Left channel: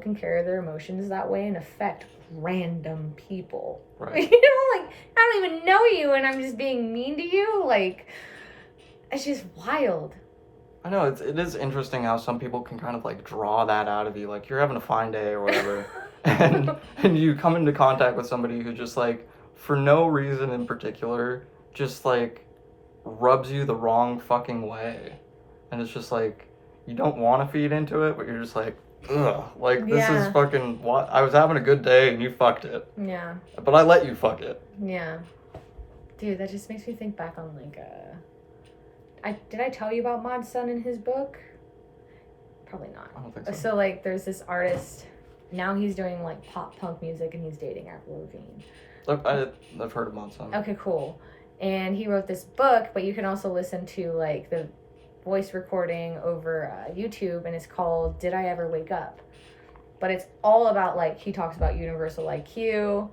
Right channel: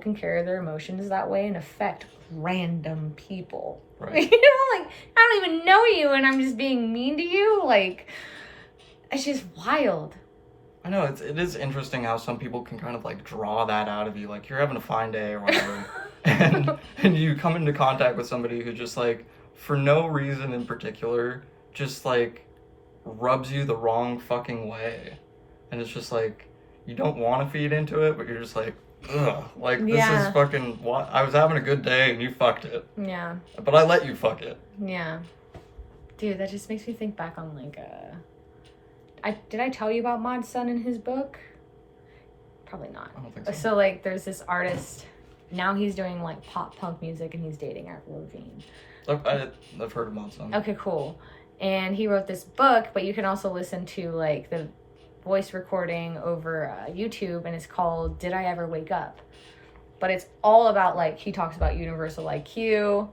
can carry their emotions that way and affect random people. Right. You know, like, I don't even know you and I'm just being mean to you. Like, it's just wild. I know, it is interesting how some people can kind of, like, draw that out of you. Like, you're having a fine day or whatever, and you come into contact with somebody who just, like, for no reason in particular, just, like, rubs you the wrong fucking way. And it's just, like, you don't want to feed into it, but you're just like, ugh. Like, this is fucking, what? I was having a good day, and you fucked it. Yeah. But I let you fuck it. Yeah. Dude, that just makes me think back on, like, did I tell you about Mod's son in his book? Probably not. I don't think so. So, like, there's this artist, now he's doing, like, pop punk music, and he's dating Avril Lavigne. I've heard of Mod's son. Okay, cool. And he wrote this book, but you can also listen to, like, the voice recording over YouTube, and it's called Did I Ever Wake Up? But it's all about, like, he talks about universal IQ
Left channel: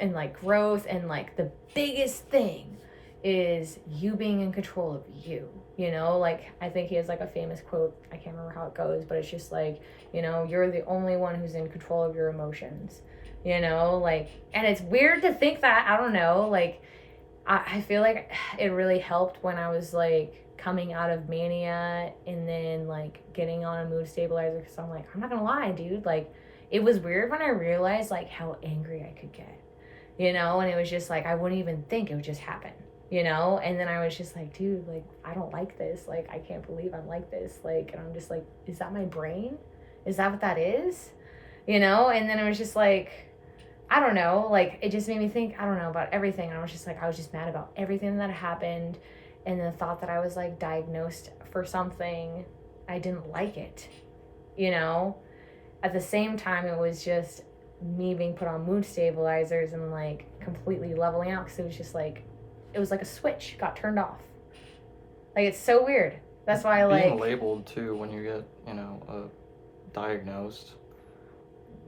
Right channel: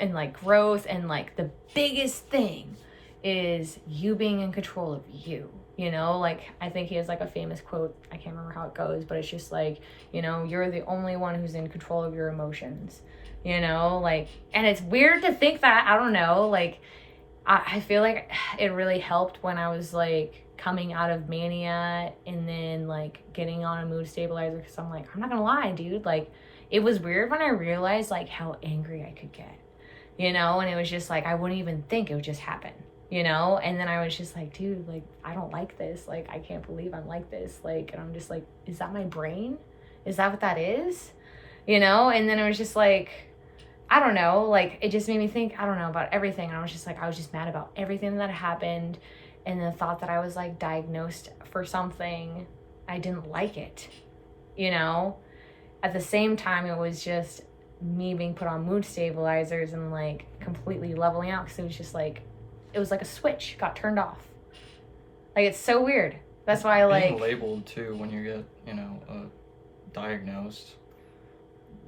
and, like, growth, and, like, the biggest thing is you being in control of you, you know? Like, I think he has, like, a famous quote, I can't remember how it goes, but it's just like, you know, you're the only one who's in control of your emotions, you know? Like, and it's weird to think that, I don't know, like, I feel like it really helped when I was, like, coming out of mania and then, like, getting on a mood stabilizer, because I'm like, I'm not gonna lie, dude, like, it was weird when I realized, like, how angry I could get, you know? And it was just like, I wouldn't even think, it would just happen, you know? And then I was just like, dude, like, I don't like this, like, I can't believe I'm like this, like, and I'm just like, is that my brain? Is that what that is? You know? And then it was just like, I don't know, like, it just made me think, I don't know, about everything. I was just like, I was just mad about everything that happened, and the thought that I was, like, diagnosed for something, I didn't like it, you know? At the same time, it was just me being put on mood stabilizers and, like, completely leveling out, because it was just, like, it was like a switch got turned off. Like, it's so weird. That's why I, like... Being labeled, too, when you get, you know, diagnosed,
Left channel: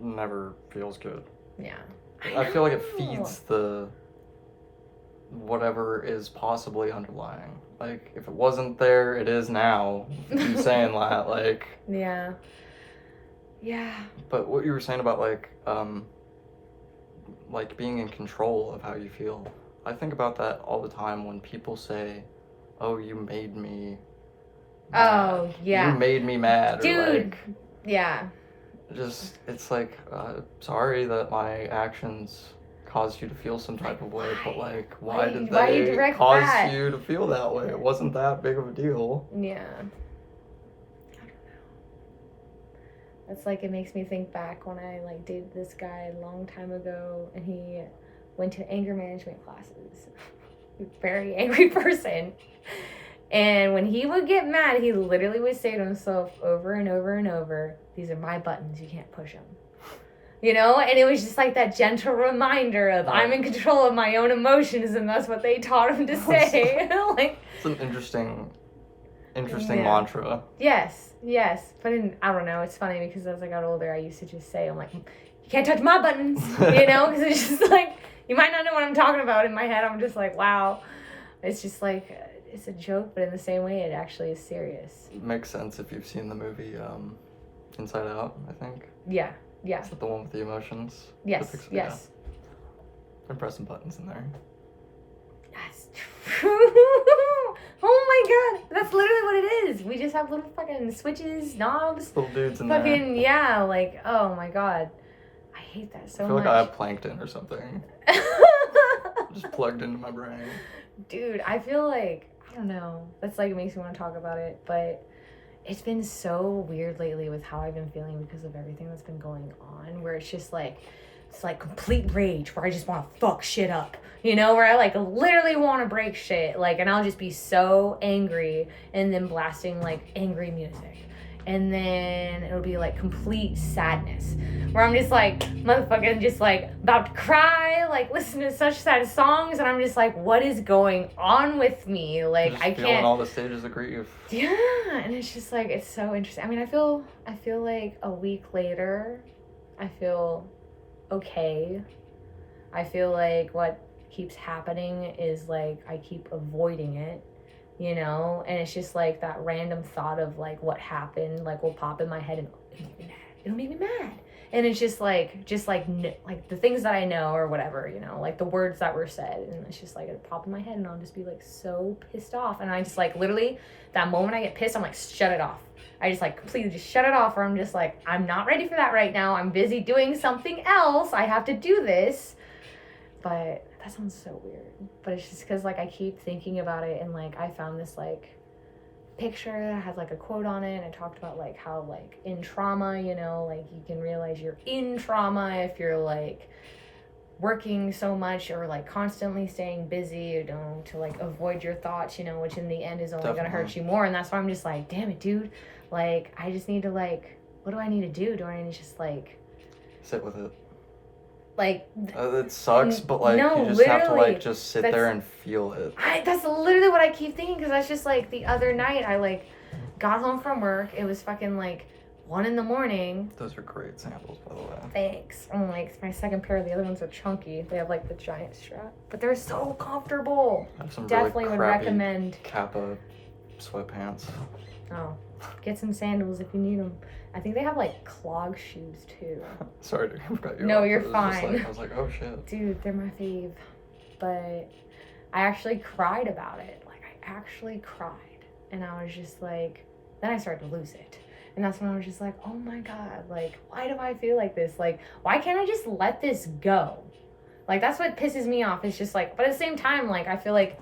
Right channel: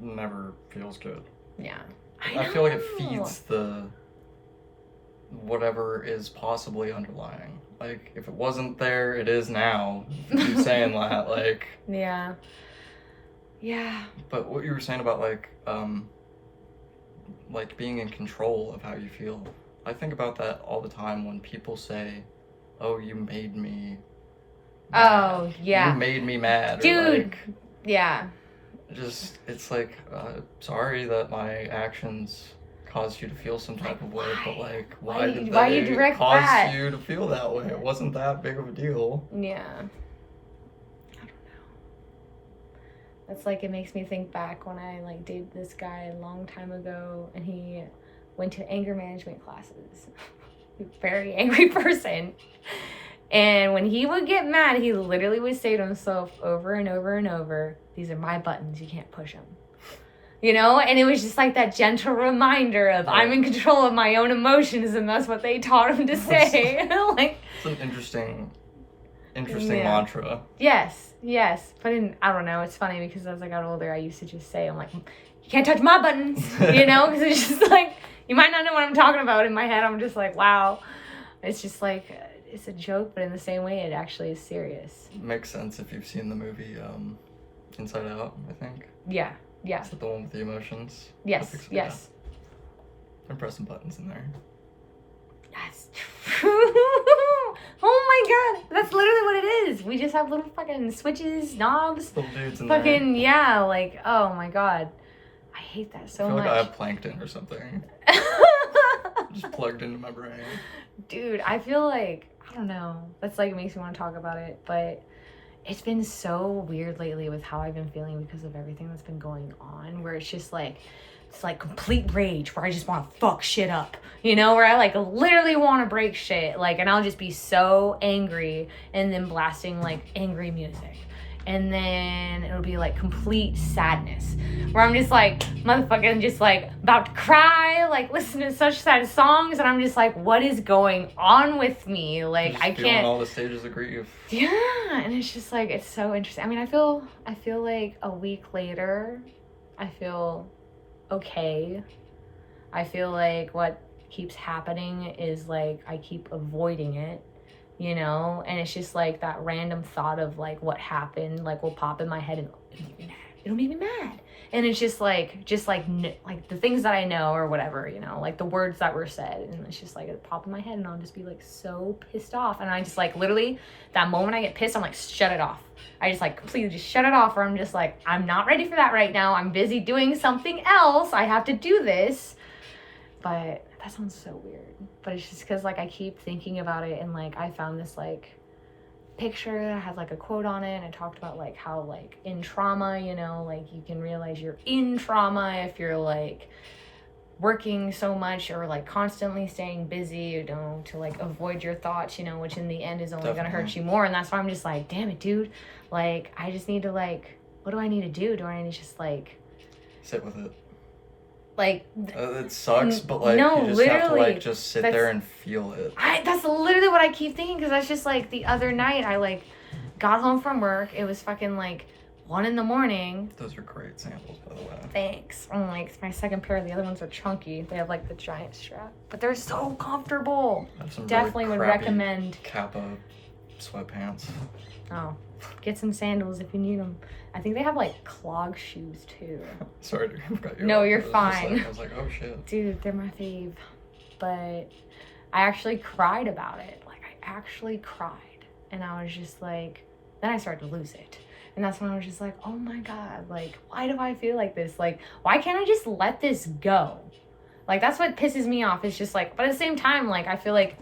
never feels good. Yeah. I feel like it feeds the whatever is possibly underlying. Like, if it wasn't there, it is now. You saying that, like... Yeah. Yeah. But what you were saying about, like being in control of how you feel, I think about that all the time when people say, oh, you made me mad. Oh, yeah. You made me mad. Dude. Or, like, yeah. just, it's like, sorry that my actions caused you to feel some type of way, but, like, why did they cause you to feel that way? It wasn't that big of a deal. Yeah. I don't know. That's like, it makes me think back when I, like, dated this guy a long time ago, and he went to anger management classes. Very angry person. And when he would get mad, he literally would say to himself over and over and over, these are my buttons, you can't push them. You know? And it was just like that gentle reminder of, I'm in control of my own emotions, and that's what they taught him to say. Like, it's an interesting mantra. Yes. But I don't know, it's funny because as I got older, I used to just say, I'm like, you can't touch my buttons, you know? Because it's just like, you might not know what I'm talking about. In my head, I'm just like, wow. It's just like... it's a joke, but in the same way, it actually is serious. It makes sense if you've seen the movie Inside Out, I think. Yeah. Is that the one with the emotions? Yes. Yeah. I'm pressing buttons in there. That's true. Oh my god. That's literally what it is. We just have little fucking switches, knobs. Little dudes in fucking, there. Yeah, like, oh my god. I hate that so much. I feel like I have plankton or something. Just plugged into my brain. Dude, I feel like, I don't know, that's like, it makes me want to talk about it, but it's been so weird lately with how I've been feeling because of everything that's been going on, where it's just like, it's like complete rage, where I just want to fuck shit up, you know, where I like literally want to break shit, like, and I'll just be so angry, and then blasting like angry music, and then it'll be like complete sadness, where I'm just like, motherfucking just like about to cry, like listening to such sad songs, and I'm just like, what is going on with me? Like, I can't. Feeling all the stages of grief. Yeah, and it's just like, it's so interesting. I mean, I feel like a week later, I feel okay. I feel like what keeps happening is like, I keep avoiding it, you know, and it's just like that random thought of like what happened, like will pop in my head and it'll make me mad. And it's just like like the things that I know or whatever, you know, like the words that were said, and it's just like it'll pop in my head, and I'll just be like so pissed off, and I just like literally that moment I get pissed, I'm like, shut it off. I just like completely just shut it off, or I'm just like, I'm not ready for that right now. I'm busy doing something else. I have to do this. But that sounds so weird. But it's just because like I keep thinking about it, and like I found this like picture that had like a quote on it, and it talked about like how like in trauma, you know, like you can realize you're in trauma if you're like working so much or like constantly staying busy, you know, to like avoid your thoughts, you know, which in the end is only gonna hurt you more. And that's why I'm just like, damn it, dude, like I just need to like, what do I need to do? Do I need to just like sit with it? Like it sucks, but like no, you just have to like just sit there and feel it. That's literally what I keep thinking, because that's just like the other night I like got home from work. It was fucking like 1 a.m. Those are great samples, by the way. Thanks. I'm like, it's my second pair. The other ones are chunky. They have like the giant strap, but they're so comfortable. I have some Definitely really would recommend Kappa sweatpants. Oh, get some sandals if you need them. I think they have like clog shoes too. Sorry to cut you No, off. you're fine. Like, I was like, oh shit. Dude, they're my fave. But I actually cried about it. Like I actually cried, and I was just like, then I started to lose it. And that's when I was just like, oh my God, like, why do I feel like this? Like, why can't I just let this go? Like, that's what pisses me off. It's just like, but at the same time, like, I feel like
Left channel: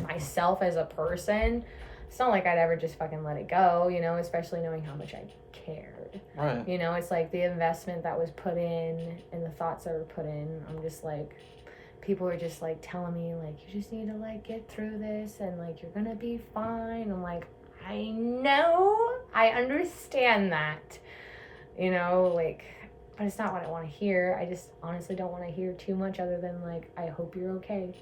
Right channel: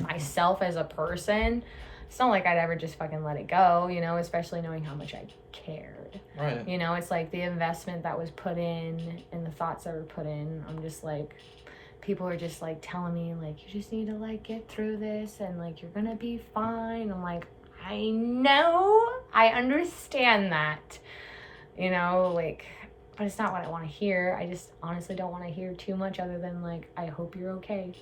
myself as a person, it's not like I'd ever just fucking let it go, you know, especially knowing how much I cared. Right. You know, it's like the investment that was put in and the thoughts that were put in. I'm just like, people are just like telling me, like, you just need to like get through this and like, you're gonna be fine. I'm like, I know, I understand that, you know, like, but it's not what I want to hear. I just honestly don't want to hear too much other than like, I hope you're okay.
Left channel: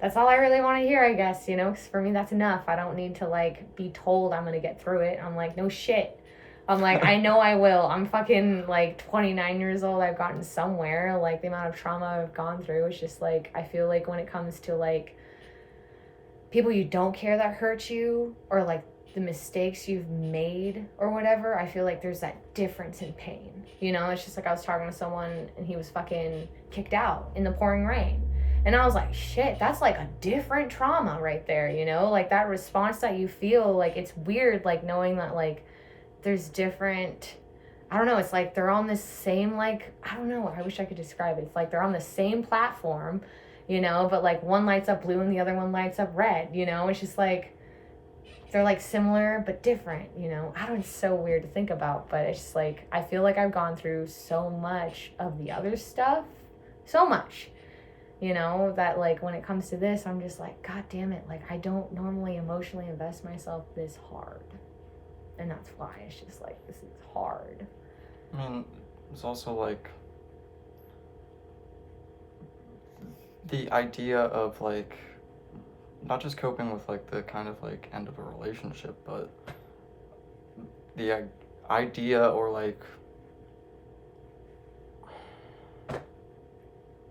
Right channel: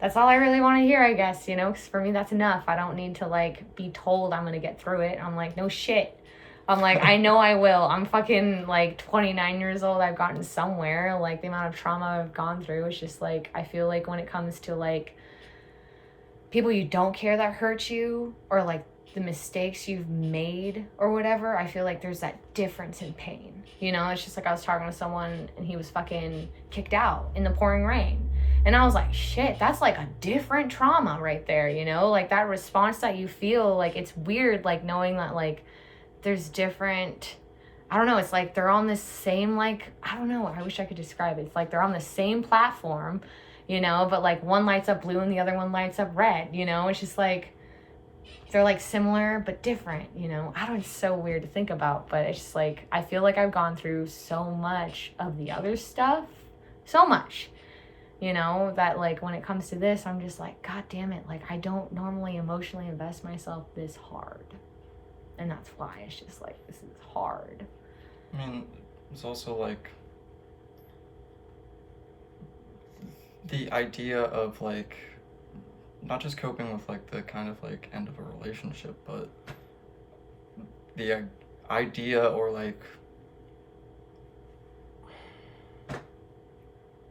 That's all I really want to hear, I guess, you know, because for me that's enough. I don't need to like be told I'm gonna get through it. I'm like, no shit. I'm like, I know I will. I'm fucking like 29 years old. I've gotten somewhere. Like the amount of trauma I've gone through, it's just like, I feel like when it comes to like people you don't care that hurt you, or like the mistakes you've made or whatever, I feel like there's that difference in pain. You know, it's just like I was talking to someone and he was fucking kicked out in the pouring rain. And I was like, shit, that's like a different trauma right there, you know? Like that response that you feel, like it's weird, like knowing that like there's different, I don't know, it's like they're on this same, like, I don't know, I wish I could describe it. It's like they're on the same platform, you know, but like one lights up blue and the other one lights up red, you know? It's just like, they're like similar but different, you know? I don't, it's so weird to think about, but it's just like, I feel like I've gone through so much of the other stuff, so much, you know, that like when it comes to this, I'm just like, God damn it, like I don't normally emotionally invest myself this hard. And that's why it's just like, this is hard. I mean, it's also like the idea of like not just coping with like the kind of like end of a relationship, but the idea or like I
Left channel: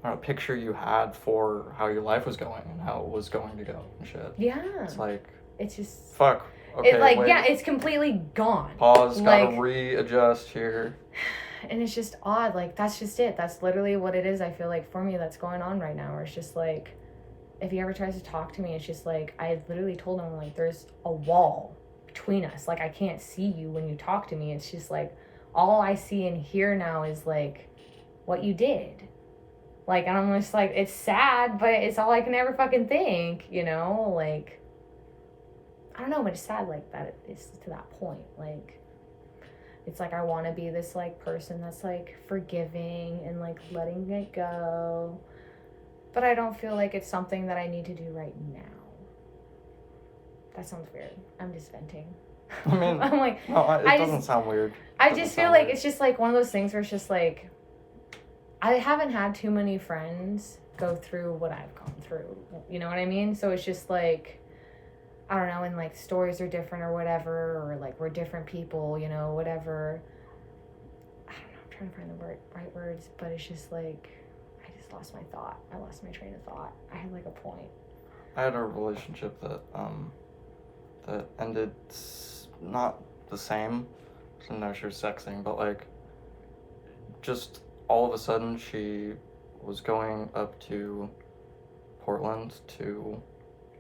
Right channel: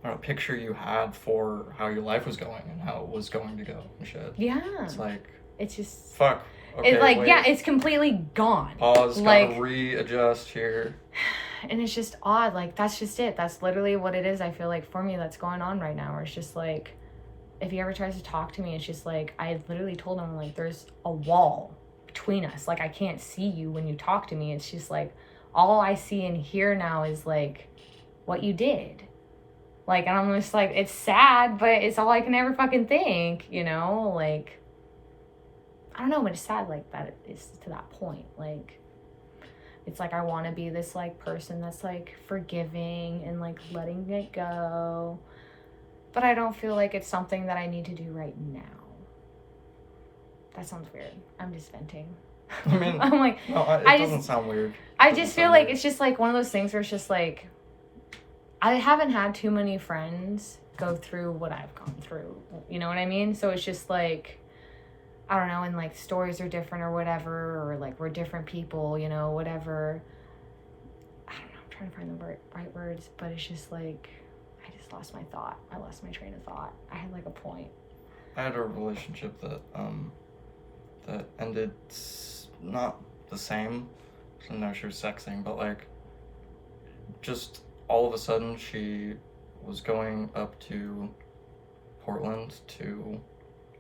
don't know, picture you had for how your life was going and how it was going to go and shit. Yeah. It's like, it's just fuck. Okay, it's like, wait. yeah, it's completely gone. Pause, like, gotta readjust here. And it's just odd. Like, that's just it. That's literally what it is. I feel like for me, that's going on right now. Where it's just like, if he ever tries to talk to me, it's just like, I literally told him, like, there's a wall between us. Like, I can't see you when you talk to me. It's just like, all I see and hear now is like, what you did. Like, and I'm just like, it's sad, but it's all I can ever fucking think, you know? Like, I don't know, but it's sad like that it's to that point. Like, it's like I want to be this like person that's like forgiving and like letting it go, but I don't feel like it's something that I need to do right now. That sounds weird. I'm just venting. I mean, I'm like, no, it doesn't sound weird. I just feel like it's just like one of those things where it's just like, I haven't had too many friends go through what I've gone through. You know what I mean? So it's just like, I don't know, and like stories are different or whatever, or like we're different people, you know, whatever. I don't know, I'm trying to find the right words, but it's just like, I just lost my thought. I lost my train of thought. I had like a point. I had a relationship that that ended not the same. didn't know she was sexting, but like, just all of a sudden she was going up to Portland to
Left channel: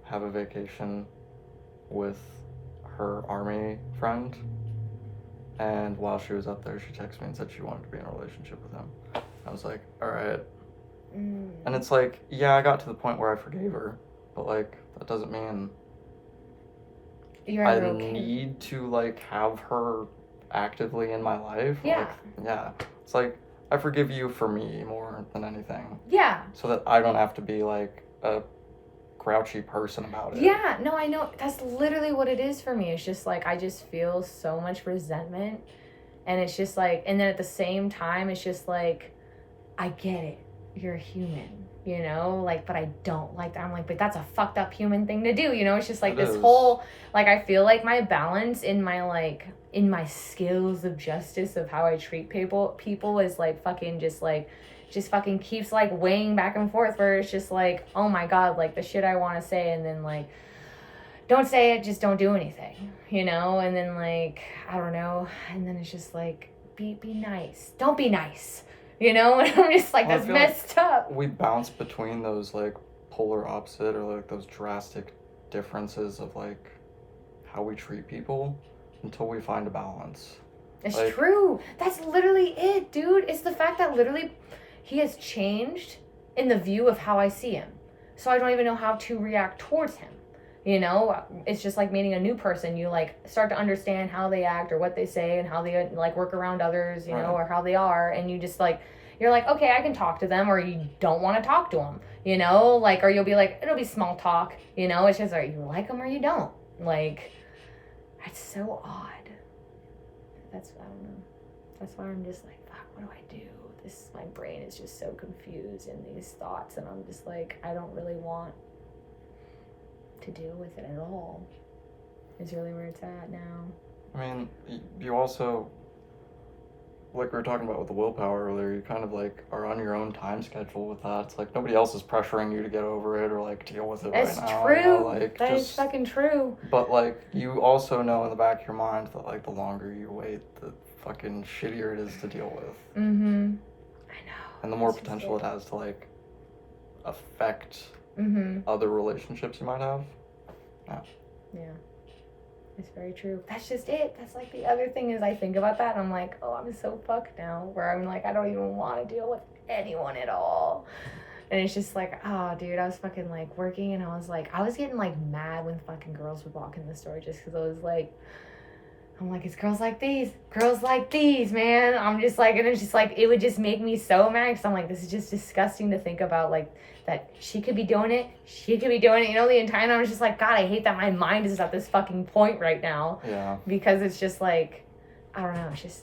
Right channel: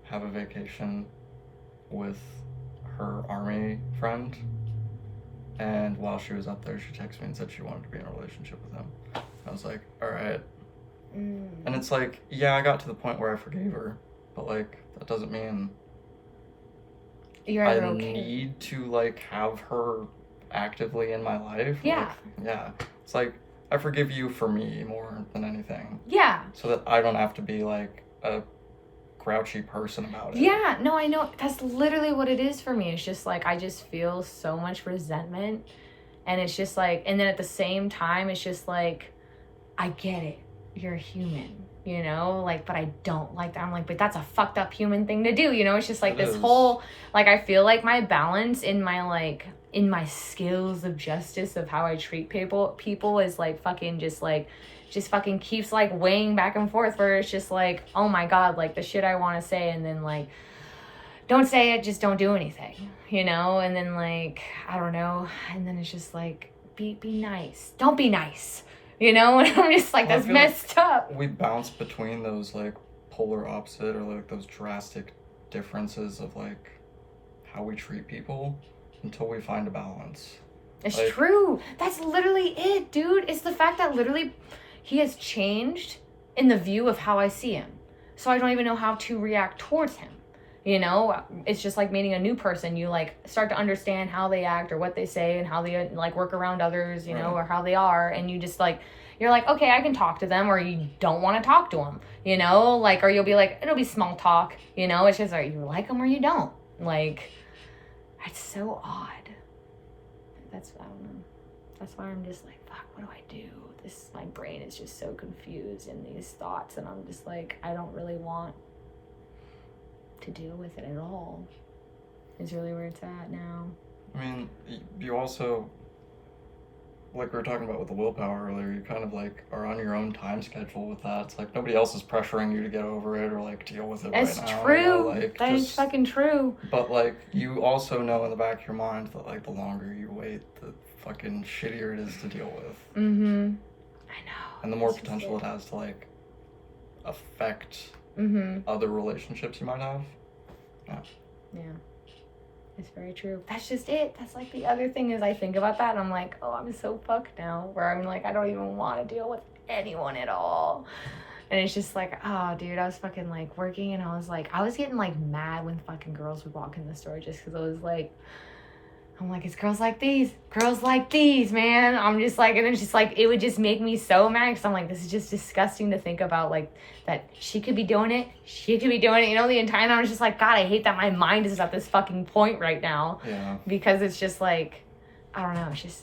have a vacation with her army friend, and while she was up there, she texted me and said she wanted to be in a relationship with him. I was like, all right. And it's like, yeah, I got to the point where I forgave her, but like, that doesn't mean You're I ever okay. need to like have her actively in my life. Yeah. Like, yeah. It's like, I forgive you for me more than anything. Yeah. So that I don't have to be like a grouchy person about it. Yeah, no, I know. That's literally what it is for me. It's just like, I just feel so much resentment. And it's just like, and then at the same time, it's just like, I get it. You're a human, you know? Like, but I don't like that. I'm like, but that's a fucked up human thing to do, you know? It's just like It this is. whole, like, I feel like my balance in my, like, in my skills of justice of how I treat people is like fucking just fucking keeps like weighing back and forth, where it's just like, oh my God, like the shit I want to say, and then like, don't say it, just don't do anything, you know? And then like, I don't know. And then it's just like, be nice. Don't be nice, you know? And I'm just like, Well, I that's feel like messed up. we bounce between those like polar opposite or like those drastic differences of like how we treat people until we find a balance. It's Like- true. That's literally it, dude. It's the fact that literally he has changed in the view of how I see him. So I don't even know how to react towards him. You know, it's just like meeting a new person. You like start to understand how they act or what they say and how they like work around others, you know, or how they are. And you just like, you're like, okay, I can talk to them, or you don't want to talk to them, you know, like, or you'll be like, it'll be small talk, you know, it's just like, you like them or you don't. Like, it's so odd. I don't know. That's why I'm just like, fuck, what do I do? My brain is just so confused in these thoughts, and I'm just like, I don't really want to deal with it at all. It's really where it's at now. I mean, you also, like we were talking about with the willpower earlier, you kind of like are on your own time schedule with that. It's like nobody else is pressuring you to get over it or like deal with it It's right now. true. You know? Like, That is fucking true. But like, you also know in the back of your mind that like the longer you wait, the fucking shittier it is to deal with. Mm-hmm. I know. And the more potential it has to like affect other relationships you might have. Yeah. It's very true. that's just it. That's like the other thing is I think about that and I'm like, oh, I'm so fucked now, where I'm like, I don't even want to deal with anyone at all. And it's just like, oh, dude, I was fucking like working and I was getting like mad when fucking girls would walk in the store just because I was like, I'm like, it's girls like these, man. I'm just like, and it's just like, it would just make me so mad because I'm like, this is just disgusting to think about, like, that she could be doing it, you know, the entire time. I was just like, God, I hate that my mind is at this fucking point right now. Yeah. Because it's just like, I don't know, it's just,